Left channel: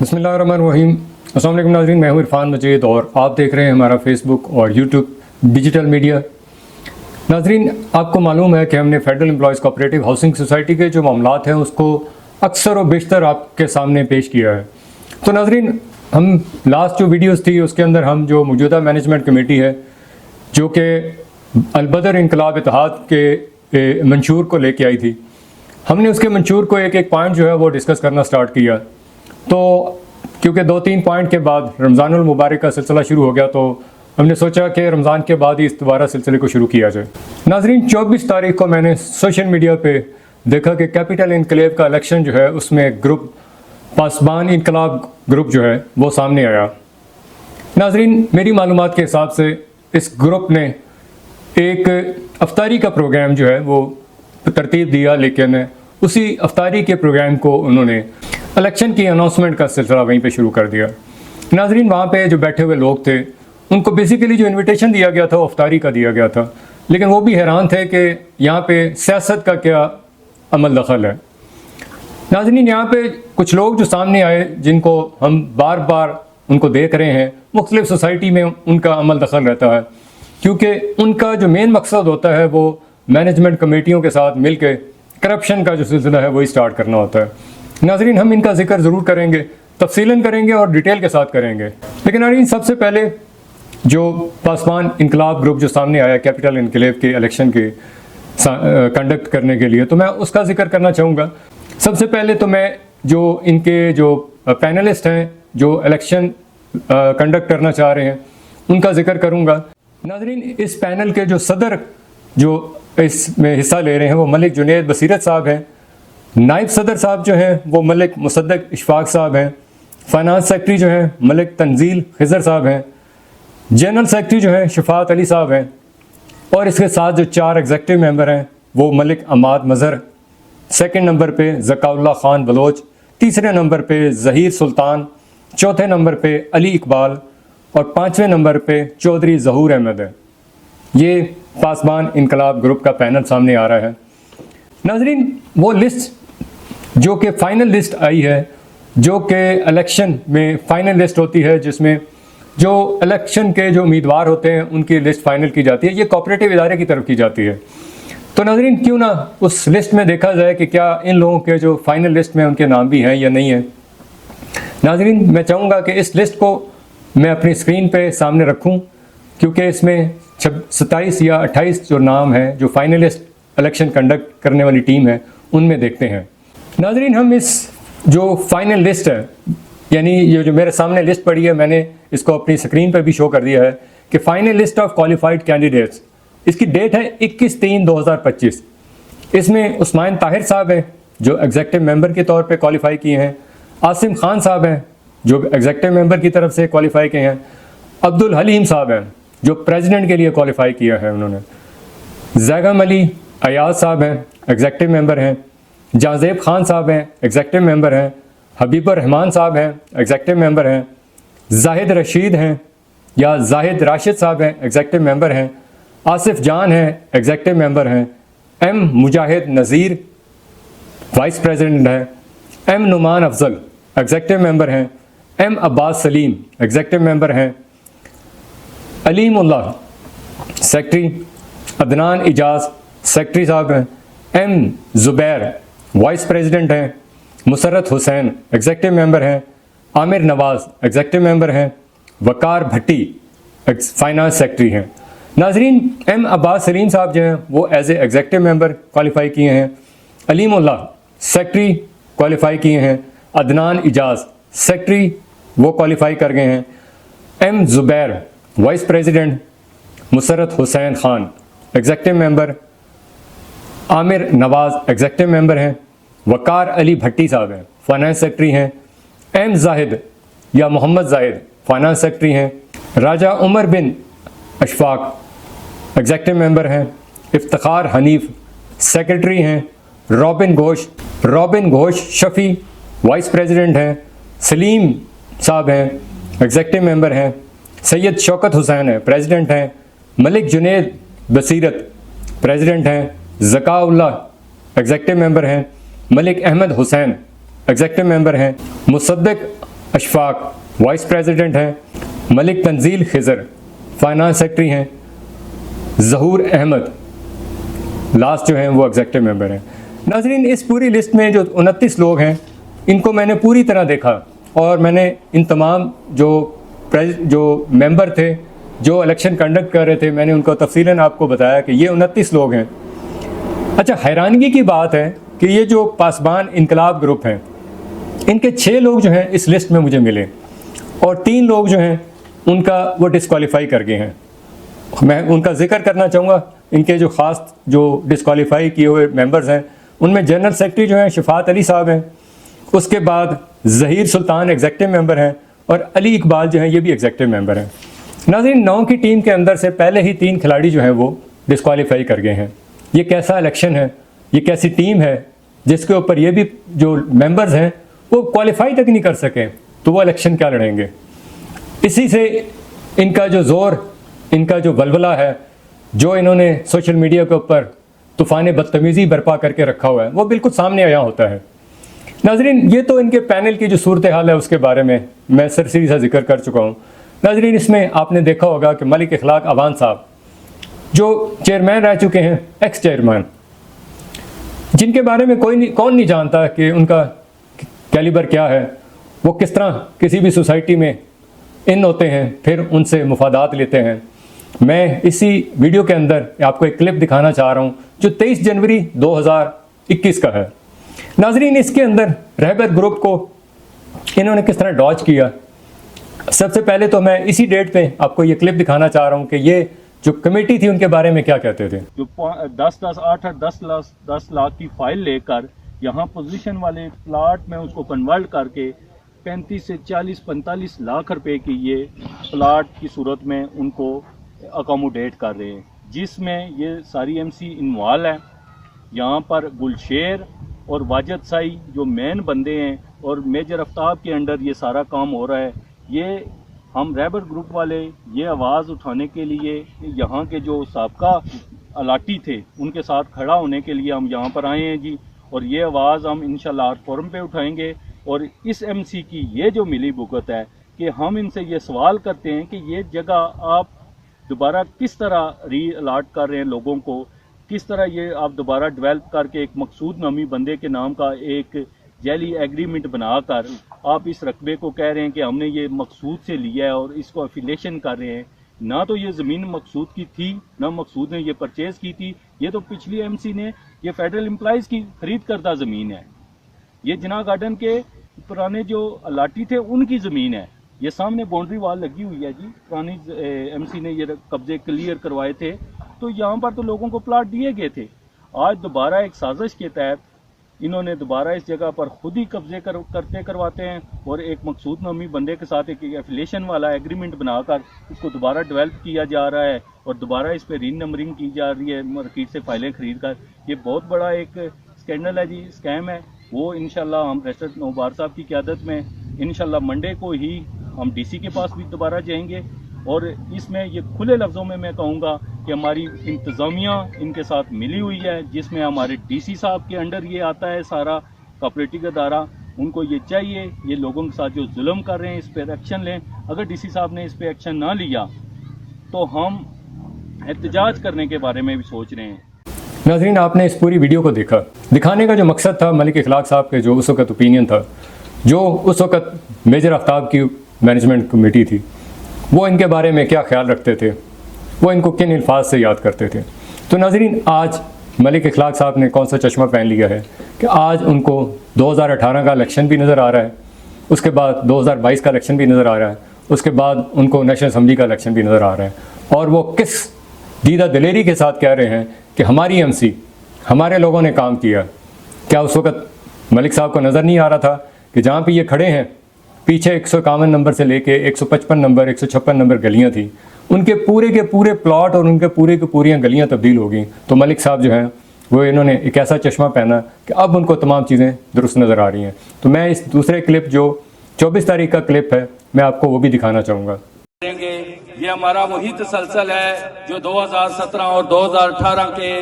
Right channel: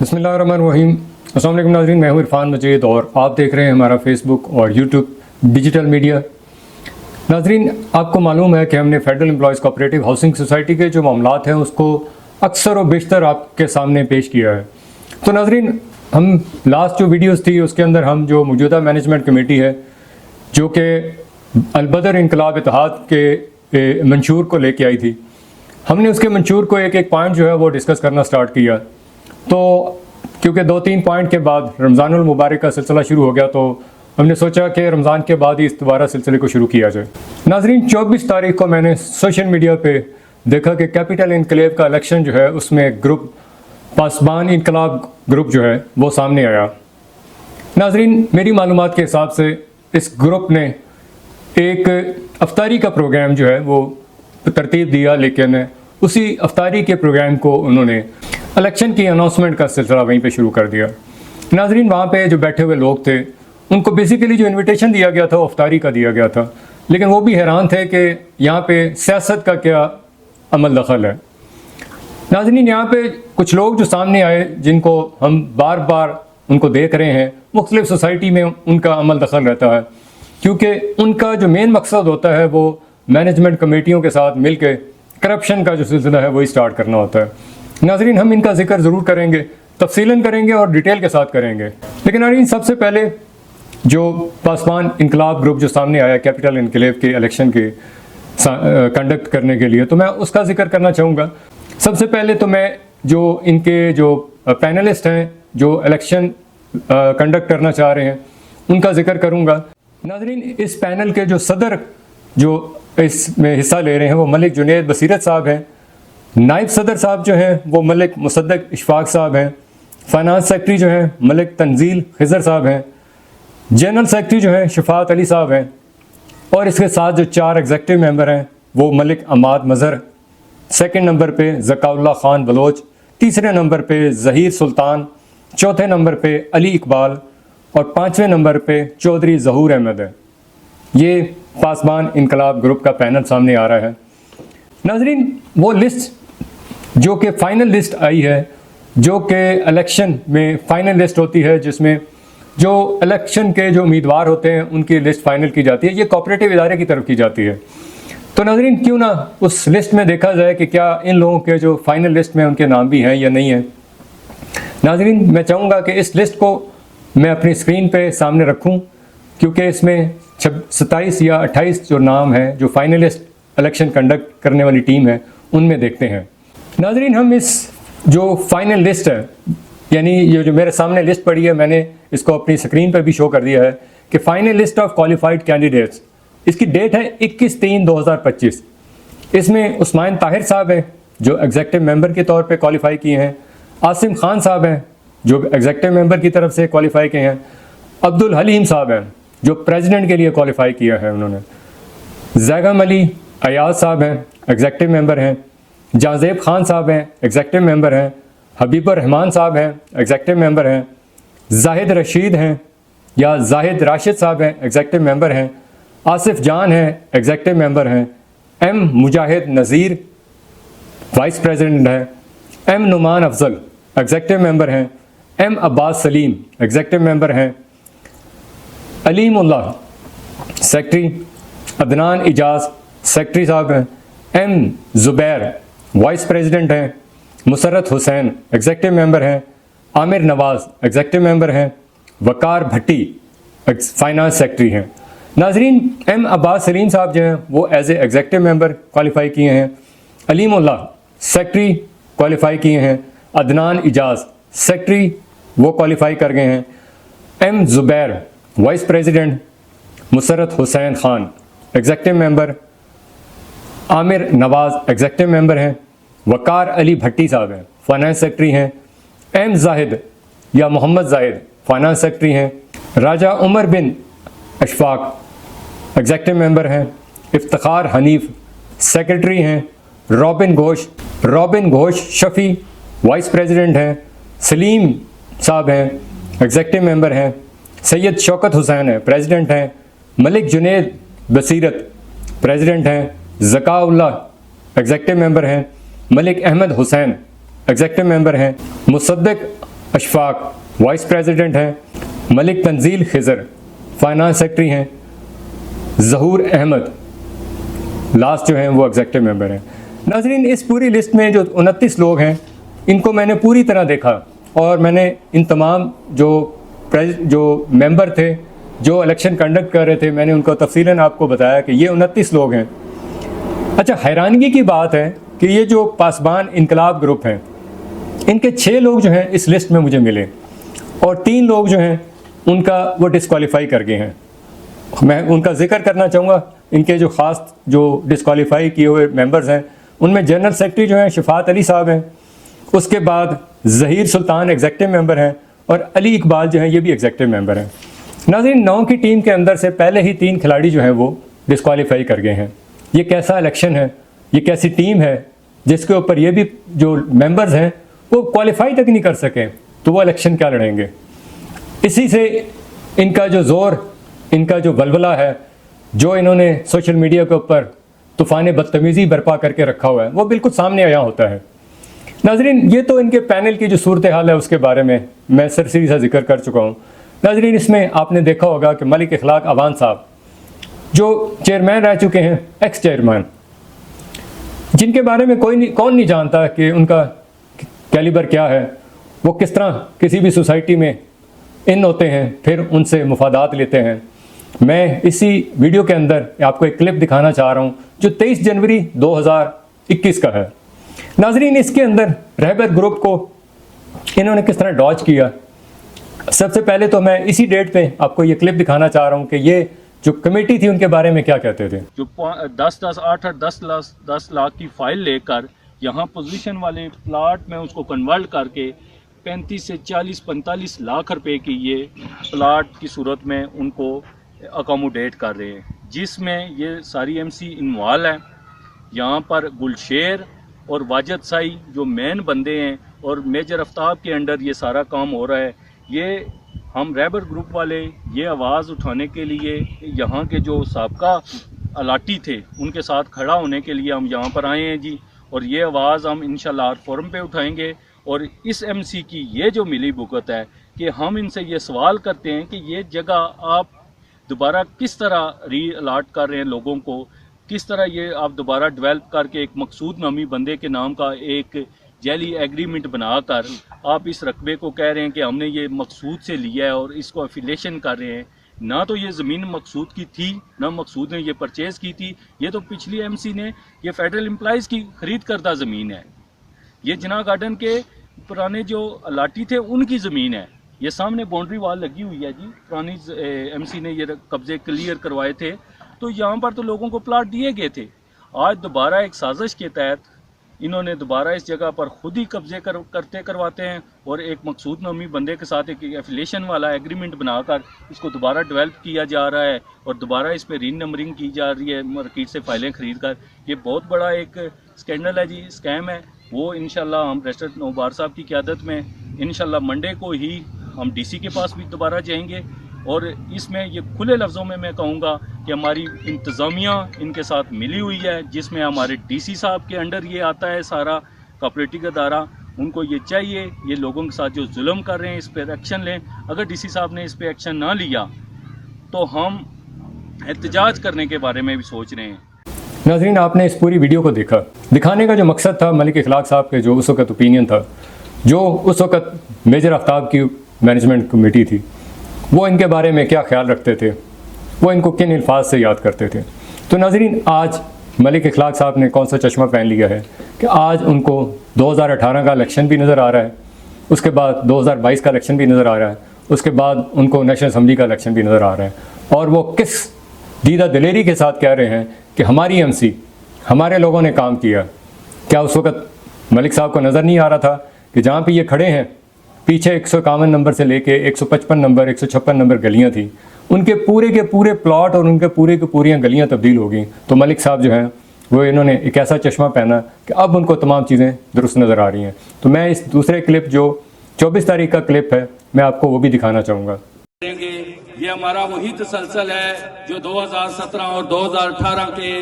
बिस्मिल्लाहिर्रहमानिर्रहीम। अस्सलाम वालेकुम नाज़रीन, मैं हूं इरफान मजीद और आप देख रहे हैं हमारा फेसबुक और यूट्यूब डिजिटल मीडिया। नाज़रीन, आपको मालूम है कि हमने federal employees cooperative housing society के जो मामलात हैं उसको अक्सर और बेशतर आपके सामने पेश किया है। तो नाज़रीन, हम लास्ट जो वीडियोस थी उसके अंदर हम जो मौजूदा मैनेजमेंट कमेटी है जो कि अलबदर इनकलाब इत्तेहाद के मंशूर को लेके आई थी, हमने उसके मंशूर को एक एक पॉइंट जो है वो डिस्कस करना स्टार्ट किया। तो क्योंकि 2-3 पॉइंट के बाद रमज़ानुल मुबारक का सिलसिला शुरू हो गया तो हमने सोचा कि रमज़ान के बाद ही इस दोबारा सिलसिले को शुरू किया जाए। नाज़रीन, 24 तारीख को मैंने सोशल मीडिया पे देखा कि कैपिटल इनकलेव का इलेक्शन जो है उसमें ग्रुप पासबान इनकलाब ग्रुप जो है वो सामने आया। नाज़रीन, मेरी मालूमात के हिसाब से इस ग्रुप ने एक अफ्तारी का प्रोग्राम जो है वो तरतीब दिया, लेकिन उसी अफ्तारी के प्रोग्राम को उन्होंने इलेक्शन की अनाउंसमेंट का सिलसिला वहीं पे शुरू कर दिया। नाज़रीन, वहाँ पे जो बैठे हुए लोग थे उनको बेसिकली जो इनविटेशन दिया गया था वो अफ्तारी का दिया गया था, लेकिन वो भी हैरान थे कि यहाँ पे सियासत का क्या अमल दखल है। नाज़रीन, यहाँ पे कुछ लोग जो सामने आए जिनको हम बार बार उनको देख रहे हैं, मुख्तलिफ सोसाइटी में उनका अमल दखल रहता है, क्योंकि उनका जो मेन मकसद होता है वो मैनेजमेंट कमेटियों के साथ मिल के करप्शन का जो सिलसिला है वो स्टार्ट करना होता है। नाज़रीन, हम इनका जिक्र ज़रूर करेंगे, तफसीलन करेंगे और डिटेल के साथ करेंगे। लेकिन नाज़रीन, सबसे पहले जो पासबान इनकलाब ग्रुप जो सामने आया कैपिटल इनकलेव के इलेक्शन के कंडक्ट करने के लिए, तो मैं उसका जिक्र करना चाहूँगा। सबसे पहले तो मैं जो इनके जो पैनलिस्ट हैं जो इलेक्शन कंडक्ट करना चाह रहे हैं उनका जिक्र करूँगा। नाज़रीन, इस पैनल के जो सदर जो इसमें हिस्सा ले रहे हैं वो मलिक जुनैद बसीरत साहब हैं। नायब सदर साहब जो है वो मलिक मुसद्दक इशफाक साहब हैं। फाइनेंस सेक्रेटरी जो है मलिक तंजील खिजर साहब हैं। जनरल सेक्रेटरी जो है शफात अली साहब हैं। और इसके साथ जो 4 एग्जेक्टिव मेंबर हैं वो मलिक अमाद मज़हर, सेकंड नंबर पे ज़काउल्लाह खान बलोच, तीसरे नंबर पे ज़हीर सुल्तान, चौथे नंबर पे अली इकबाल और 5वें नंबर पे चौधरी ज़हूर अहमद है। ये पासबान इनकलाब ग्रुप का पैनल सामने आ रहा है। नाज़रीन, वो लिस्ट जो कि फाइनल लिस्ट आई है, जो कि इलेक्शन में फाइनल लिस्ट होती है, जिसमें जो इलेक्शन के जो उम्मीदवार होते हैं उनकी लिस्ट फाइनल की जाती है, ये कोऑपरेटिव इदारे की तरफ की जाती है। तो नाज़रीन, क्यों ना उस लिस्ट में देखा जाए कि क्या इन लोगों के जो फाइनल लिस्ट में उनके नाम भी हैं या नहीं है। नाज़रीन, मैं चाहूँगा कि इस लिस्ट को मैं अपनी स्क्रीन पे सामने रखूँ, क्योंकि इसमें 27 या 28 जो नाम है जो फाइनलिस्ट इलेक्शन कंडक्ट करने वाली टीम है उनमें देखते हैं। नाज़रीन, हम इस जो फाइनल लिस्ट है, यानी ये जो मेरे सामने लिस्ट पड़ी है, मैंने इसको अपनी स्क्रीन पर भी शो कर दिया है कि final list of qualified candidates, इसकी डेट है 21/3/2025। इसमें उस्मान ताहिर साहब हैं जो एग्जेक्टिव मेंबर के तौर पे क्वालिफाई किए हैं। आसिम खान साहब हैं जो एग्जेक्टिव मेंबर की तरफ से क्वालिफाई किए हैं। अब्दुल हलीम साहब हैं जो प्रेसिडेंट के लिए क्वालिफाई किया है उन्होंने। जैगम अली अयाज साहब हैं, एग्जेक्टिव मेंबर हैं। जाजेब खान साहब हैं, एग्जेक्टिव मेंबर हैं। हबीबुर रहमान साहब हैं, एग्जेक्टिव मेंबर हैं। जाहिद रशीद हैं या जाहिद राशिद साहब हैं, एग्जेक्टिव मेंबर हैं। आसिफ जान हैं, एग्जेक्टिव मेंबर हैं। M Mujahid Nazir vice president हैं। M Numan Afzal executive member हैं। M Abbas Saleem executive member हैं। अलीमुल्लाह सेक्रेटरी। अदनान इजाज सेक्रेटरी साहब हैं। एम जुबैर वाइस प्रेसिडेंट हैं। मुसरत हुसैन एग्जेक्टिव मेंबर हैं। आमिर नवाज एग्जेक्टिव मेंबर हैं। वकार भट्टी फाइनेंस सेक्रेटरी हैं। नाजरीन, एम अब्बास सलीम साहब जो हैं वो as a executive member qualify किए हैं। अलीमुल्लाह सेक्रेटरी क्वालिफाई किए हैं। अदनान इजाज सेक्रेटरी वो क्वालिफाई कर गए हैं। M Zubair vice president. Musarrat Hussain Khan executive member. Aamir Nawaz executive member हैं। वकार अली भट्टी साहब हैं, फाइनेंस सेक्रेटरी हैं। एम जाहिद या मोहम्मद जाहिद फाइनेंस सेक्रेटरी हैं। राजा उमर बिन अशफाक एग्जेक्टिव मेंबर हैं। इफ्तिखार हनीफ सेक्रेटरी हैं। Robin Ghosh Shafi vice president हैं। सलीम साहब हैं, एग्जेक्टिव मेंबर हैं। सैयद शौकत हुसैन है, प्रेसिडेंट हैं। मलिक जुनैद बसीरत प्रेसिडेंट हैं। ज़काउल्लाह एग्जेक्टिव मेंबर हैं। मलिक अहमद हुसैन एग्जेक्टिव मेंबर हैं। मुसद्दक اشفاق وائس پریزیڈنٹ ہیں، ملک تنزیل خضر فائنانس سیکرٹری ہیں، ظہور احمد لاسٹ جو ہیں وہ ایگزیکٹو ممبر ہیں۔ ناظرین، اس پوری لسٹ میں جو 29 لوگ ہیں ان کو میں نے پوری طرح دیکھا اور میں نے ان تمام جو ممبر تھے جو الیکشن کنڈکٹ کر رہے تھے میں نے ان کو تفصیلاً آپ کو بتایا کہ یہ 29 لوگ ہیں۔ اچھا، حیرانگی کی بات ہے کہ یہ جو پاسبان انقلاب گروپ ہے ان کے 6 لوگ جو ہیں اس لسٹ میں مجھے ملے اور 3 لوگ جو ہیں ان کا وہ ڈسکوالیفائی کر گئے ہیں۔ میں ان کا ذکر کرنا چاہوں گا، ان کے جو خاص جو ڈسکوالیفائی کیے ہوئے ممبرز ہیں ان میں جنرل سیکرٹری جو ہیں شفاعت علی صاحب ہیں، اس کے بعد ظہیر سلطان ایگزیکٹو ممبر ہیں اور علی اقبال جو ہیں یہ بھی ایگزیکٹو ممبر ہیں۔ ناظرین، 9 کی ٹیم کے اندر سے پہلے ہی 3 کھلاڑی جو ہے وہ ڈسکوالیفائی کر گئے ہیں۔ یہ کیسا الیکشن ہے، یہ کیسی ٹیم ہے جس کے اوپر یہ بھی جو ممبرز ہیں وہ کوالیفائی تک نہیں کر سکے تو وہ الیکشن کیا لڑیں گے؟ اسی سے ان کا جو زور، ان کا جو ولولہ ہے، جو انہوں نے سوشل میڈیا کے اوپر طوفان بدتمیزی برپا کر کے رکھا ہوا ہے وہ بالکل سامنے آیا ہوتا ہے۔ ناظرین، یہ تو ان کے پینل کی جو صورتحال ہے اس کے بارے میں میں سرسری سا ذکر کر چکا ہوں۔ ناظرین، اس میں آپ نے دیکھا ہوگا کہ ملک اخلاق اوان صاحب جو چیئرمین رہ چکے ہیں، ایکس چیئرمین، جن کے بارے میں کون نہیں جانتا کہ ان کا کیلیبر کیا ہے، وہ کس طرح کسی بھی سوسائٹی میں ان ہوتے ہیں پھر ان سے مفادات لیتے ہیں۔ میں اسی ویڈیو کے اندر آپ کو ایک کلپ دکھانا چاہ رہا ہوں جو 23 جنوری 2021 کا ہے۔ ناظرین، اس کے اندر رہبر گروپ کو انہوں نے کس طرح ڈاج کیا۔ سب سے پہلے تو میں اسی ڈیٹ پہ آپ کو یہ کلپ دکھانا چاہ رہا ہوں کہ یہ جو کمیٹی تھی ان کے بارے میں کیا کہتے تھے۔ جو 10 لاکھ کی فائل لے کر یہاں پوزیشن والے پلاٹ میں اس کو کنورٹ کر کے 35 سے 45 لاکھ روپے کی یہ پلاٹ کی صورت میں ان کو اکاموڈیٹ کر رہے ہیں، جس میں یہ ساری ایم سی انوالو ہیں۔ یہاں پر گلشیر اور واجد سائی جو مین بندے ہیں اور میجر آفتاب کے انڈر یہ سارا کام ہو رہا ہے۔ یہ ہم رہبر گروپ والے یہ آواز اٹھانے کے لیے یہاں کے جو سابقہ الاٹی تھے ان کے ساتھ کھڑا ہونے کے لیے ہم یہاں پر آئے ہیں جی، اور یہ آواز ہم انشاءاللہ ہر فورم پہ اٹھائیں گے۔ اور اس ایم سی کی یہ جو ملی بھگت ہے کہ ہم ان سے یہ سوال کرتے ہیں کہ یہ جگہ آپ دوبارہ کس طرح ری الاٹ کر رہے ہیں لوگوں کو، کس طرح یہ آپ دوبارہ ڈیولپ کر کے ایک مقصود نامی بندے کے نام کا ایک جعلی ایگریمنٹ بنا کر آپ اس رقبے کو کہہ رہے ہیں کہ ہم نے یہ مقصود سے لیا ہے اور اس کو افیلیشن کر رہے ہیں۔ نہ تو یہ زمین مقصود کی تھی، نہ مقصود نے یہ پرچیز کی تھی، یہ تو پچھلی ایم سی نے یہ فیڈرل امپلائیز کی خرید کردہ زمین ہے۔ یہ جناح گارڈن کے پرانے جو الاٹی تھے ان کی زمین ہے۔ یہ سامنے باؤنڈری وال لگی ہوئی ہے جی، پرانی ایم سی نے یہ قبضے کلیئر کروائے تھے، تو یہاں پر تو لوگوں کو پلاٹ دیے گئے تھے۔ آج دوبارہ ایک سازش کے تحت انہوں نے دوبارہ اس جگہ پر خود ہی قبضے کرواتے ہیں اور ایک مقصود نامی بندے کے ساتھ ایک ایفیلیشن والا ایگریمنٹ بنا کر اس کو دوبارہ ڈیولپ کیا جا رہا ہے اور دوبارہ اس پہ ری نمبرنگ کی جا رہی ہے مارکیٹ سے فائلیں خرید کر۔ یہ بہت بڑا ایک اسکینڈل ہے جی، اسکیم ہے۔ وہ انشاءاللہ ہم ریسٹر نوبار صاحب کی قیادت میں انشاءاللہ منڈے کو ہی ہم ڈی سی کے پاس بھی دوبارہ جائیں گے، اور اس میں یہ کھلے لفظوں میں کہوں گا کہ ہماری انتظامیہ ان کے ساتھ ملی ہوئی ہے، جس میں ہمارے ڈی سی صاحب کے انڈر یہ آتا ہے سارا کوآپریٹو ادارہ۔ ان کو یہ چاہیے یہ لوگوں کے ساتھ جو ظلم کر رہے ہیں اس پہ ایکشن لیں۔ اگر ڈی سی صاحب نے اس پہ ایکشن نہ لیا تو ہم احتجاج کرنے کے بارے میں بھی سوچ رہے ہیں۔ ناظرین، آپ نے اس پوری ویڈیو کو دیکھا، دکھانے کا جو مقصد تھا ملک اخلاق صاحب کے جو اس وقت اوپینین تھا، جو اس وقت میجر آفتاب کی مینجمنٹ کمیٹی تھی، وہ ان کے بارے میں کیا خیال رکھتے تھے، وہ ان کو کن الفاظ سے یاد کرتے تھے۔ تو ناظرین، آج ملک اخلاق صاحب نے کون سا چشمہ پہن لیا ہے کہ آج ان کو 2018 کا الیکشن بھی نظر آ رہا ہے، اس کے بعد 2022 کا الیکشن بھی نظر آ رہا ہے، اس کے بعد ان کو نیشنل اسمبلی کا الیکشن بھی نظر آ رہا ہے، اور وہ کس دیدہ دلیری کے ساتھ کہہ رہے ہیں کہ ہماری ایم سی، ہمارے لوگوں نے کام کیا۔ کیا اس وقت ملک صاحب کو نظر نہیں آ رہا تھا کہ جہاں پہ یہ کھڑے ہیں پیچھے 151 نمبر سے لے کے 155 نمبر 156 نمبر گلیاں تھیں، ان کے پورے پلاٹ اور ان کے پوریاں گلیاں تبدیل ہو گئیں۔ تو ملک صاحب جو ہیں وہ انہوں نے ایک ایسا چشمہ پہنا کہ اب ان کو تمام چیزیں درست نظر آ رہی ہیں۔ تو میں اس دوسرے کلپ جو 24 تاریخ کا کلپ ہے میں آپ کو وہ بھی دکھانا چاہوں گا۔ یہ ہمارا وہی تسلسل ہے جو 2017 اور 2018 کے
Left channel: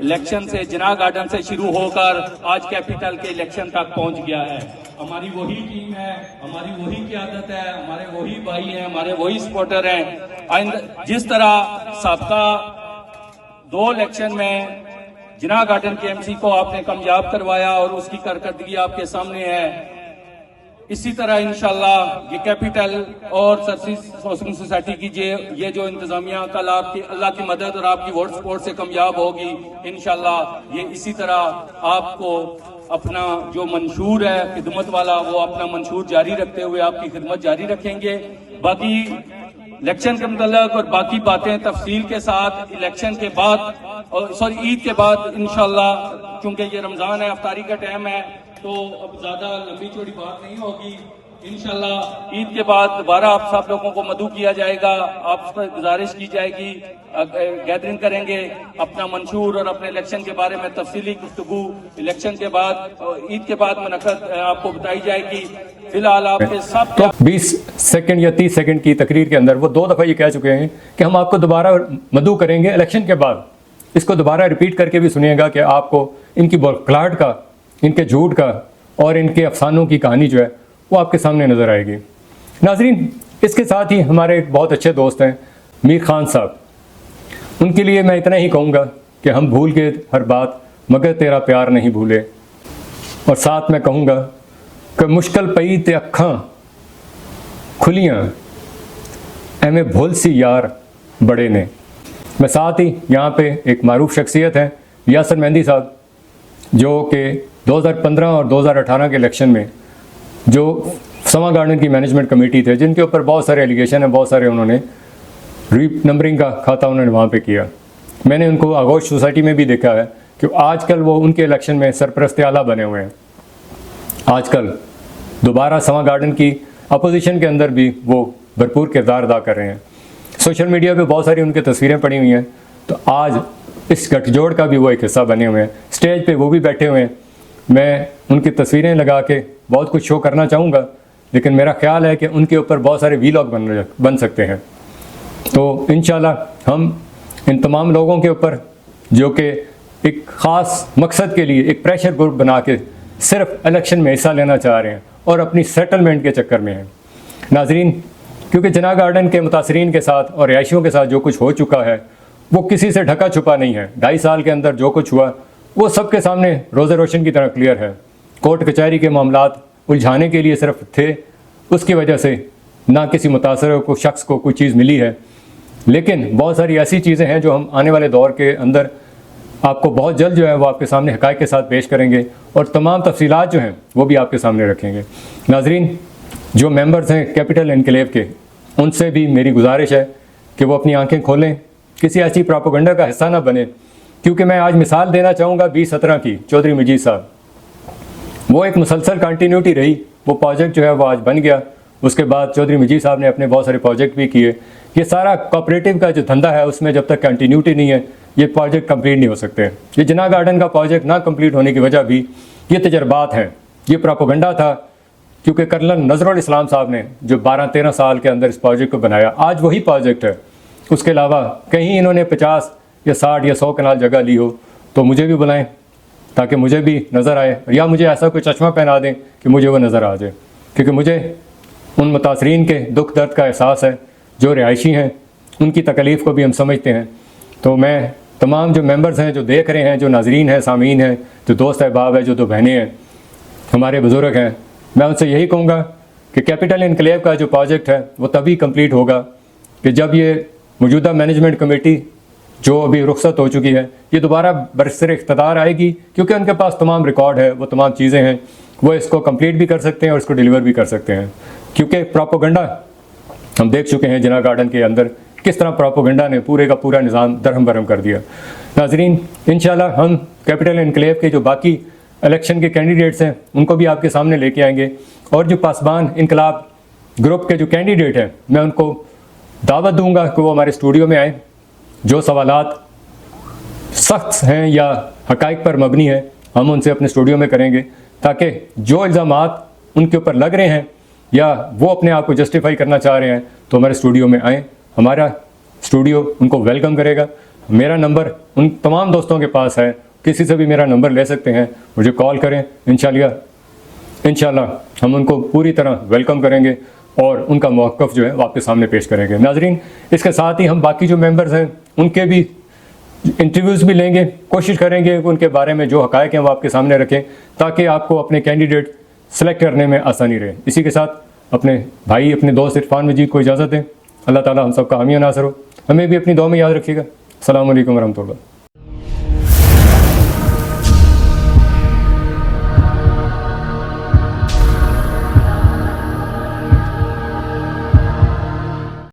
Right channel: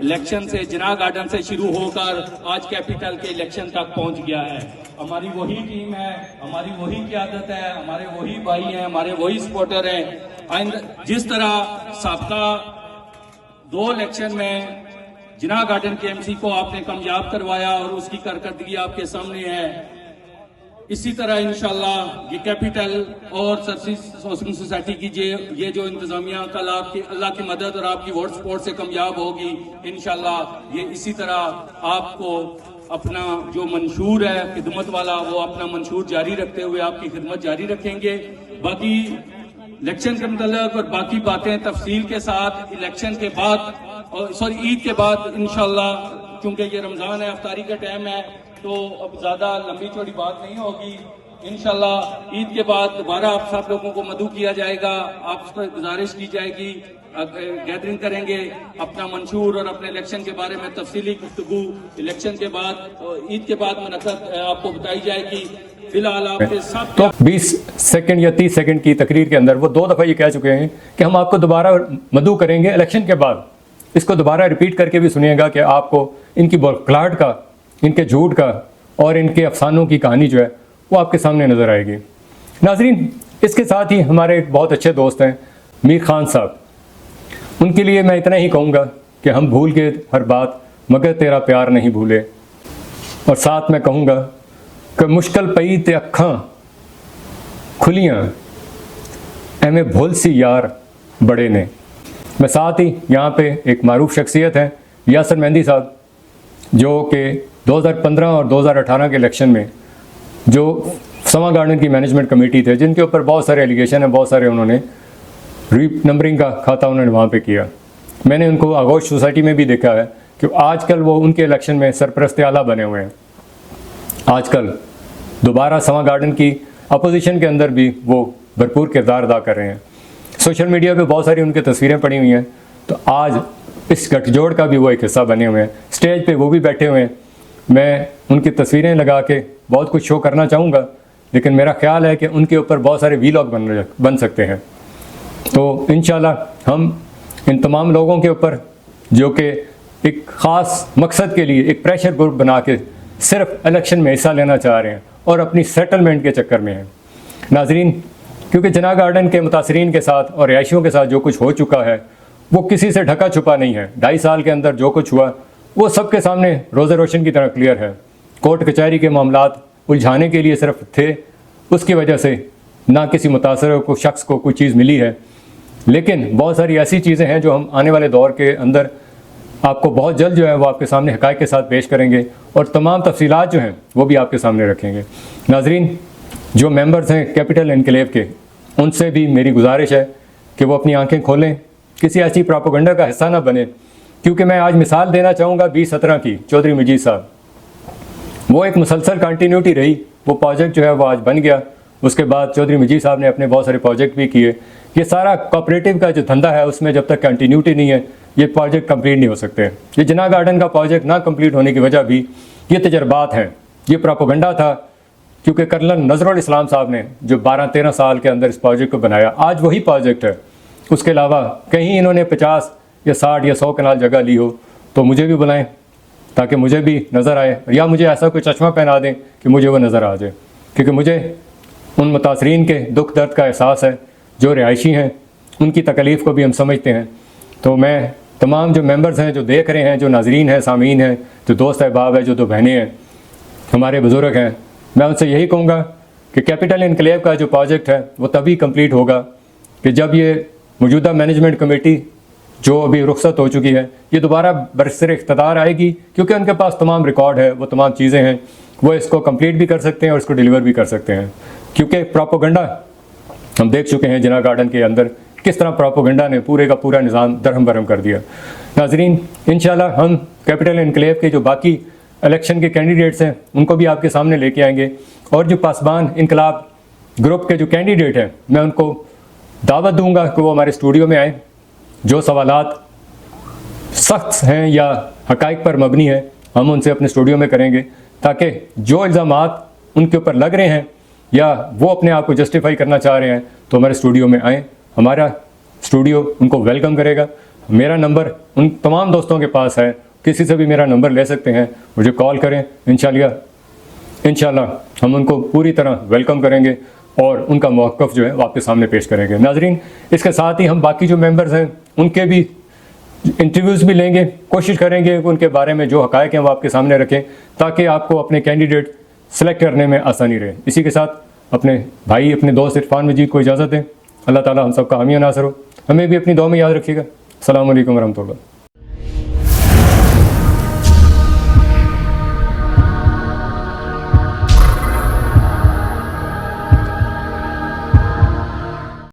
इलेक्शन से जिना गार्डन से शुरू होकर आज कैपिटल के इलेक्शन तक पहुंच गया है। हमारी वही टीम है, हमारी वही क़यादत है, हमारे वही भाई हैं, हमारे वही सपोर्टर हैं। जिस तरह साबका 2 इलेक्शन में जिना गार्डन के एमसी को आपने कामयाब करवाया और उसकी कारकर्दगी आपके सामने है, इसी तरह इंशाल्लाह ये कैपिटल और सर्विस हाउसिंग सोसाइटी की ये जो इंतजामिया कल आपकी अल्लाह की मदद और आपकी वोट सपोर्ट से कामयाब होगी इंशाल्लाह। ये इसी तरह आपको अपना जो मंशूर है खिदमत वाला, वो अपना मंशूर जारी रखते हुए आपकी खिदमत जारी रखेंगे। बाकी इलेक्शन के मुतल्लिक और बाकी बातें तफसील के साथ इलेक्शन के बाद और ईद के बाद इंशाल्लाह, क्योंकि ये रमजान है, अफ्तारी का टाइम है, तो अब ज्यादा लंबी चौड़ी बात नहीं होगी। इंशाल्लाह ईद के बाद दोबारा आप सब लोगों को मदऊ किया जाएगा, आप पर गुजारिश की जाएगी, गैदरिंग करेंगे, अपना मंशूर और अपने इलेक्शन के बारे में तफसीली गुफ्तगू इलेक्शन के बाद ईद के बाद मुनक़द आपको बताई जाएगी। फिलहाल आपके सब तो 20 सेकंड या 30 सेकंड की तकरीर के अंदर वो 2 दफ़ा ये कह चुके हैं कि हम आपको दोबारा मदऊ करेंगे इलेक्शन के बाद। इसको दोबारा रिपीट करके भी सुनिएगा कि आपको इनकी प्लाट का, इनके झूठ का और इनके अफसानों की कहानी जो है वो आपके सामने नजर आएगी। नाजरीन, इसके साथ ही हमारे एक बहुत अच्छे दोस्त हैं मीर खान साहब, उनके लिए मैं इतना ही कहूँगा कि हम भूल गए हर बात मगर तेरा प्यार नहीं भूले, और साथ में कहूँगा कि मुश्किल पई ते अखां खुलियां एवें भुल सी यार बड़े ने। मैं साथ ही यहाँ पे एक मारूफ शख्सियत है यासर मेहंदी साहब, जो कि 2015 और 2018 के इलेक्शन में जो समा गार्डन की मैनेजमेंट कमेटी थे, जिनके ऊपर बहुत सारे एलिगेशन है, बहुत सारे उन्होंने री नंबरिंग का खाता उन्होंने वहाँ पे किया। मैंने उनको आगोश सोसाइटी में भी देखा है कि आजकल वो उनके इलेक्शन में सरपरस्त आला बने हुए हैं। आजकल दोबारा समा गार्डन की अपोजिशन के अंदर भी वो भरपूर किरदार अदा कर रहे हैं। सोशल मीडिया पे बहुत सारी उनकी तस्वीरें पड़ी हुई हैं, तो आज इस गठजोड़ का भी वो एक हिस्सा बने हुए हैं। स्टेज पे वो भी बैठे हुए हैं। मैं उनकी तस्वीरें लगा के बहुत कुछ शो करना चाहूँगा, लेकिन मेरा ख्याल है कि उनके ऊपर बहुत सारे वीलॉग बन सकते हैं। तो इंशाल्लाह हम इन तमाम लोगों के ऊपर जो कि एक ख़ास मकसद के लिए एक प्रेशर ग्रुप बना के सिर्फ इलेक्शन में हिस्सा लेना चाह रहे हैं और अपनी सेटलमेंट के चक्कर में हैं। नाजरीन, क्योंकि जिना गार्डन के मुतासरीन के साथ और रिहायशियों के साथ जो कुछ हो चुका है वो किसी से ढका छुपा नहीं है। 2.5 साल के अंदर जो कुछ हुआ वो सबके सामने रोज़े रोशन की तरह क्लियर है। कोर्ट कचहरी के मामलात उलझाने के लिए सिर्फ थे, उसकी वजह से ना किसी मुतासर को शख्स को कोई चीज़ मिली है। लेकिन बहुत सारी ऐसी चीज़ें हैं जो हम आने वाले दौर के अंदर आपको बहुत जल्द जो है वो आपके सामने हक़ाइक़ के साथ पेश करेंगे और तमाम तफसीलात जो हैं वो भी आपके सामने रखेंगे। नाजरीन, जो मेंबर्स हैं कैपिटल एनक्लेव के, उनसे भी मेरी गुजारिश है कि वो अपनी आंखें खोलें, किसी ऐसी प्रोपेगेंडा का हिस्सा ना बने। क्योंकि मैं आज मिसाल देना चाहूँगा 2017 की, चौधरी मजीद साहब, वो एक मुसलसल कंटिन्यूटी रही। वो प्रोजेक्ट जो है वो आज बन गया, उसके बाद चौधरी मजीद साहब ने अपने बहुत सारे प्रोजेक्ट भी किए। ये सारा कोऑपरेटिव का जो धंधा है उसमें जब तक कंटिन्यूटी नहीं है ये प्रोजेक्ट कंप्लीट नहीं हो सकता है। ये जिना गार्डन का प्रोजेक्ट ना कंप्लीट होने की वजह भी ये तजर्बात हैं, ये प्रोपेगेंडा था। क्योंकि कर्नल नजरुल इस्लाम साहब ने जो 12-13 साल के अंदर इस प्रोजेक्ट को बनाया, आज वही प्रोजेक्ट है। उसके अलावा कहीं इन्होंने 50 या 60 या 100 कनाल जगह ली हो तो मुझे भी बुलाएं ताकि मुझे भी नज़र आए, या मुझे ऐसा कोई चश्मा पहना दें कि मुझे वो नज़र आ जाए। क्योंकि मुझे उन मुतासरीन के दुख दर्द का एहसास है, जो रिहायशी हैं उनकी तकलीफ़ को भी हम समझते हैं। तो मैं तमाम जो मेंबर्स हैं, जो देख रहे हैं, जो नाजरीन हैं, सामीन हैं, जो दोस्त अहबाब हैं, जो 2 बहनें हैं, हमारे बुज़ुर्ग हैं, मैं उनसे यही कहूँगा कि कैपिटल एनक्लेव का जो प्रोजेक्ट है वो तभी कंप्लीट होगा कि जब ये मौजूदा मैनेजमेंट कमेटी जो अभी रुखसत हो चुकी है ये दोबारा बरसर इख्तिदार आएगी। क्योंकि उनके पास तमाम रिकॉर्ड है, वो तमाम चीज़ें हैं, वो इसको कंप्लीट भी कर सकते हैं और इसको डिलीवर भी कर सकते हैं। क्योंकि प्रोपेगेंडा हम देख चुके हैं जिना गार्डन के अंदर किस तरह प्रोपेगेंडा ने पूरे का पूरा निज़ाम दरहम बरहम कर दिया। नाजरीन, इंशाल्लाह हम कैपिटल एनक्लेव के जो बाकी इलेक्शन के कैंडिडेट्स हैं उनको भी आपके सामने लेके आएंगे, और जो पासबान इनकलाब ग्रुप के जो कैंडिडेट हैं मैं उनको दावत दूंगा कि वो हमारे स्टूडियो में आए। जो सवालात सख्त हैं या हक़ाइक़ पर मबनी हैं हम उनसे अपने स्टूडियो में करेंगे, ताकि जो इल्ज़ामात उनके ऊपर लग रहे हैं या वो अपने आप को जस्टिफाई करना चाह रहे हैं तो हमारे स्टूडियो में आएँ। हमारा स्टूडियो उनको वेलकम करेगा। میرا نمبر ان تمام دوستوں کے پاس ہے، کسی سے بھی میرا نمبر لے سکتے ہیں، مجھے کال کریں، انشاءاللہ ہم ان کو پوری طرح ویلکم کریں گے اور ان کا موقف جو ہے وہ آپ کے سامنے پیش کریں گے۔ ناظرین، اس کے ساتھ ہی ہم باقی جو ممبرز ہیں ان کے بھی انٹرویوز بھی لیں گے، کوشش کریں گے کہ ان کے بارے میں جو حقائق ہیں وہ آپ کے سامنے رکھیں تاکہ آپ کو اپنے کینڈیڈیٹ سلیکٹ کرنے میں آسانی رہے۔ اسی کے ساتھ اپنے بھائی، اپنے دوست عرفان مجید کو اجازت دیں۔ اللہ تعالیٰ ہم سب کا حامی و ناصر ہو، ہمیں بھی اپنی دعا میں یاد رکھیے گا۔ السلام علیکم ورحمۃ اللہ۔